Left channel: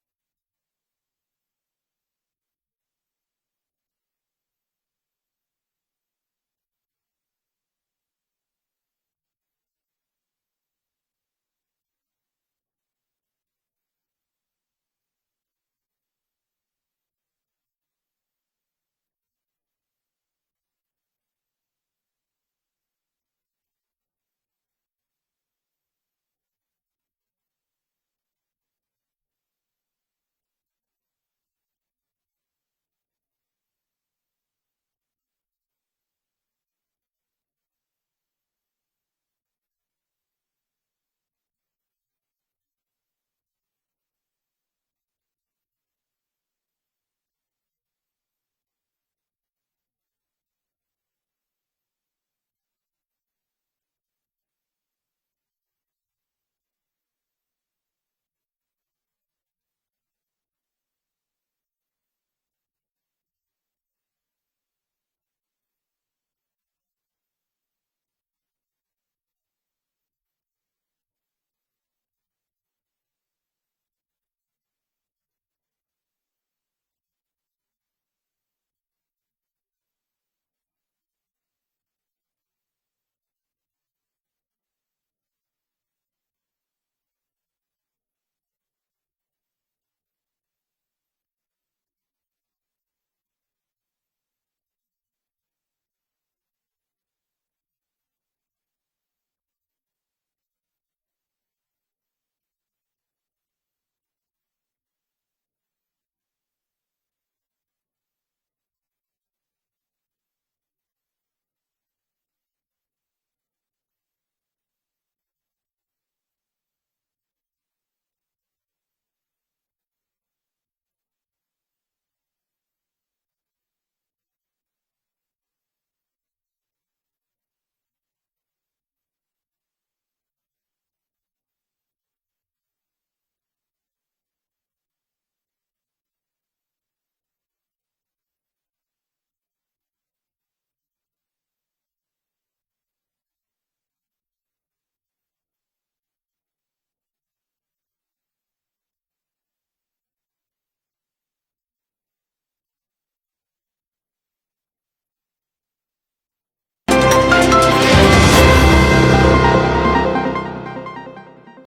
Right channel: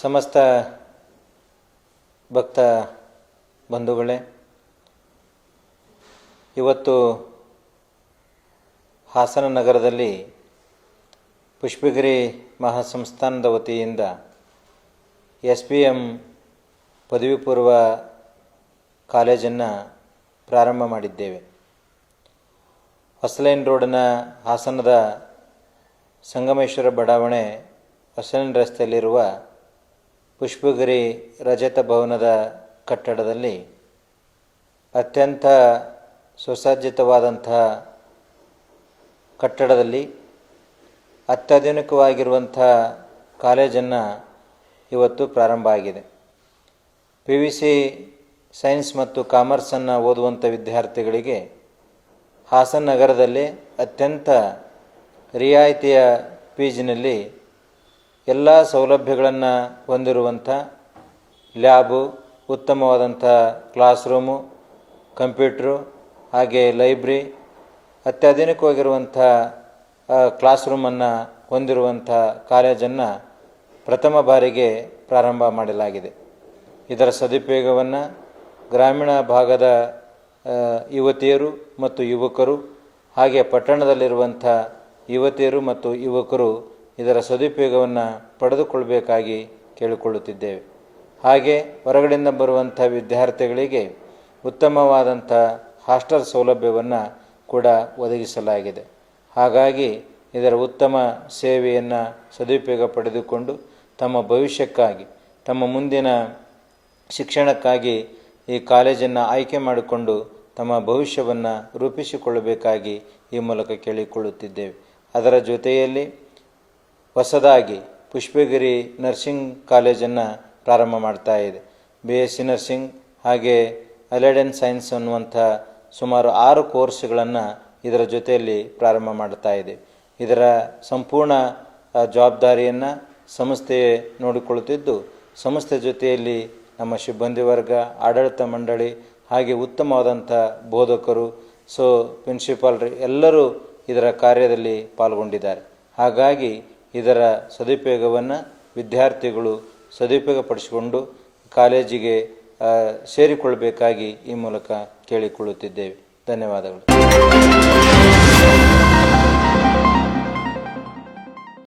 ಸಮಸ್ತ ಭಕ್ತ ಬಂಧುಗಳೇ, ಇವತ್ತು ಹಾಸನ ನಗರದಲ್ಲಿ ಪುಷ್ಪಗಿರಿ ಮಹಾಸಂಸ್ಥಾನದ ವತಿಯಿಂದ SPM ಪದವಿ ಪೂರ್ವ ಕಾಲೇಜನ್ನು ಪ್ರಾರಂಭ ಮಾಡಿದ್ದೇವೆ. ಹೊಸಲೈನ್ ರೋಡ್ನ ಹಾಸನದ ಸಂಗಮೇಶ್ವರ ಬಡಾವಣೆ ಹೊಸಲೈನ್ ರಸ್ತೆಯಲ್ಲಿರುವ ಪುಷ್ಪಗಿರಿ ರಜತ ಭವನದ ಕಟ್ಟಡದಲ್ಲಿ ಅತ್ಯಂತ ಸುಸಜ್ಜಿತವಾದಂಥ ಕಟ್ಟಡದಲ್ಲಿ ಅತ್ಯಾಧುನಿಕವಾಗಿರುವಂಥ ಕಾಲೇಜನ್ನು ಇವತ್ತು ಪ್ರಾರಂಭ ಆಗಿದೆ. PVC ಸೈನ್ಸ್ ಮತ್ತು ಕಾಮರ್ಸನ್ನು ಓದುವಂಥ ವಿದ್ಯಾರ್ಥಿಗಳಿಗೆ ಹಾಸನ ನಗರದಲ್ಲಿ ಅತ್ಯಂತ ರಿಯಾಯಿತಿಯ ಫೀಸಿನಲ್ಲಿ ಎಲ್ಲ ಸೌಲಭ್ಯಗಳನ್ನು ಹೊಂದಿರುವಂಥ ಲ್ಯಾಬು, ಉತ್ತಮವಾದಂಥ ಕ್ಲಾಸ್ ರೂಮು, ಕಂಪ್ಯೂಟ್ರು, ಹಾಗೆ ಲೈಬ್ರರಿ, ಅತ್ಯಾಧುನಿಕವಾಗಿರುವಂಥ ಕ್ಲಾಸ್ ರೂಮನ್ನು ಹೊಂದಿರುವಂಥ ಕಾಲೇಜನ್ನು ಪ್ರಥಮ ಬಾರಿಗೆ ಪ್ರಾರಂಭ ಮಾಡಲಾಗಿದೆ. ಇದರ ಸದುಪಯೋಗವನ್ನು ಗ್ರಾಮೀಣ ಭಾಗದ ಯುವತಿಯರು ಮತ್ತು ಯುವಕರು, ಹಾಗೆ ಪಟ್ಟಣದಲ್ಲಿರುವಂಥ ಯುವತಿಯರು ಮತ್ತು ಯುವಕರು ಇದರ ಸದುಪಯೋಗವನ್ನು ಪಡೆದುಕೊಳ್ಳಬೇಕಾಗಿ ಕೇಳಿಕೊಳ್ಳುತ್ತಿದ್ದೇವೆ. ಹಾಗೆ ಹೊರಗಡೆಯಿಂದ ಬರುವಂಥ ವಿದ್ಯಾರ್ಥಿಗಳಿಗೆ ಉತ್ತಮವಾದಂಥ ಹಾಸ್ಟೆಲ್ ಸೌಲಭ್ಯವನ್ನು ಕೂಡ ಒದಗಿಸಲಾಗಿದೆ. ಹಾಗಾಗಿ ಇದರ ಉತ್ತಮ ಸೇವೆಯನ್ನು ಸದುಪಯೋಗ ಪಡೆದುಕೊಂಡು ತಮ್ಮ ಭವಿಷ್ಯಕ್ಕಾಗಿ, ತಮ್ಮ ಮುಂದಿನ ಶಿಕ್ಷಣಕ್ಕಾಗಿ ಈ ಕಾಲೇಜನ್ನು ಆಯ್ಕೆ ಮಾಡಿಕೊಂಡು ತಮ್ಮ ಭವಿಷ್ಯವನ್ನು ರೂಪಿಸಿಕೊಳ್ಳಬೇಕಾಗಿ ಈ ಮೂಲಕ ಕೇಳಿಕೊಳ್ಳುತ್ತಿದ್ದೇವೆ. ಅದರ ಜೊತೆಯಲ್ಲಿ ಹೊಸದಾಗಿ ಪುಷ್ಪಗಿರಿ ನರ್ಸಿಂಗ್ ಕಾಲೇಜನ್ನು ಪ್ರಾರಂಭ ಮಾಡ್ತಾ ಇದೆ. BSc ನರ್ಸಿಂಗ್ ಹಾಗೆ ಅಲೈಡ್ ಆ್ಯಂಡ್ ಸೈನ್ಸ್ ಅನ್ನುವಂಥ ಸುಮಾರು 6 ಕೋರ್ಸ್ಗಳನ್ನು ಇದರ ಜೊತೆಯಲ್ಲಿ ಪ್ರಾರಂಭ ಮಾಡ್ತಾ ಇದೆ. ಇದರ ಸಂಪೂರ್ಣ ಜವಾಬ್ದಾರಿಯನ್ನು ಸಂಸ್ಥೆ ನೋಡಿಕೊಳ್ಳುತ್ತಿದ್ದು, ಸಂಸ್ಥೆ ಜೊತೆಯಲ್ಲಿ ನಮ್ಮ ಸಿಬ್ಬಂದಿ ವರ್ಗ, ಆಡಳಿತ ಮಂಡಳಿ, ಹಾಗೆ ಉತ್ತಮವಾದಂಥ ಬೋಧಕರು, ಪ್ರಿನ್ಸಿಪಾಲ್ರು ಎಲ್ಲರೂ ಇದರ ಕಾರ್ಯದಲ್ಲಿ ಪಾಲ್ಗೊಂಡಿದ್ದಾರೆ. ಹಾಗಾಗಿ ಇದರ ಸದುಪಯೋಗವನ್ನು ವಿದ್ಯಾರ್ಥಿಗಳು ಸದುಪಯೋಗಪಡಿಸಿಕೊಂಡು ಕಾಲೇಜಿಗೆ ಸೇರಿಕೊಳ್ಳಬೇಕಾಗಿ ಈ ಮೂಲಕ ಕೇಳಿಕೊಳ್ಳುತ್ತಿದ್ದೇವೆ. ಧನ್ಯವಾದಗಳು.